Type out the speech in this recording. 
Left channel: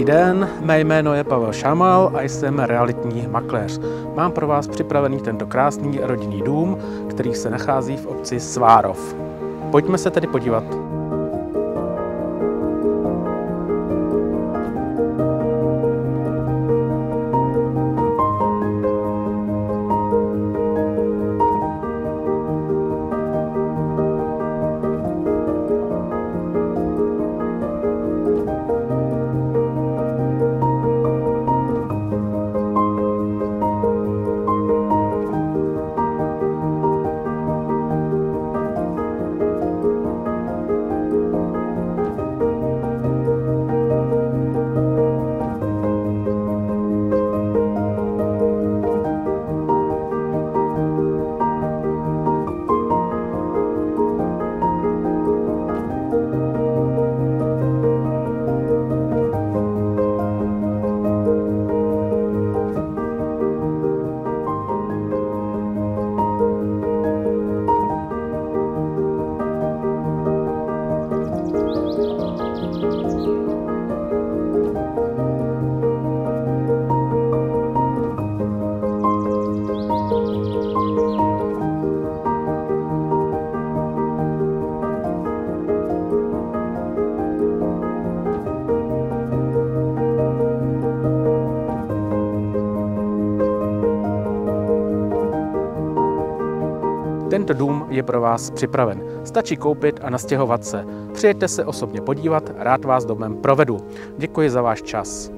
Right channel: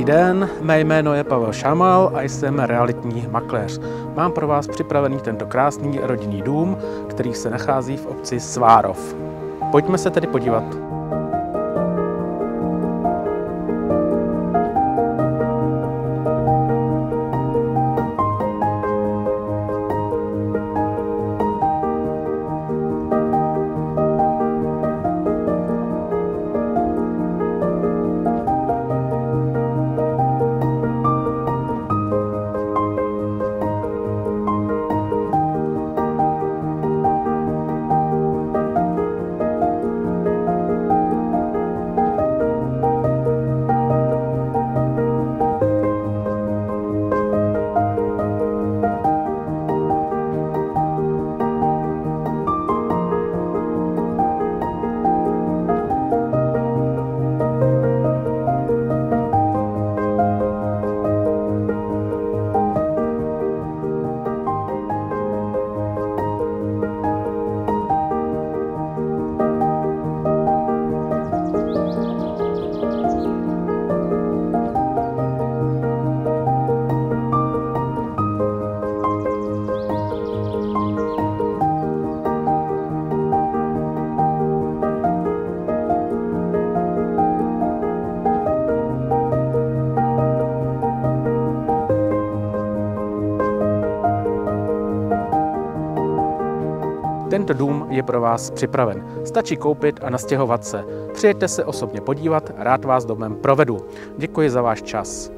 Dobrý den, mé jméno je Pavel Šamal a jsem realitní makléř. Mám pro vás připravený tento krásný rodinný dům, který se nachází v obci Svárov. Pojďme se tedy podívat. Tento dům je pro vás připraven. Stačí koupit a nastěhovat se. Přijeďte se osobně podívat, rád vás domem provedu. Děkuji za váš čas.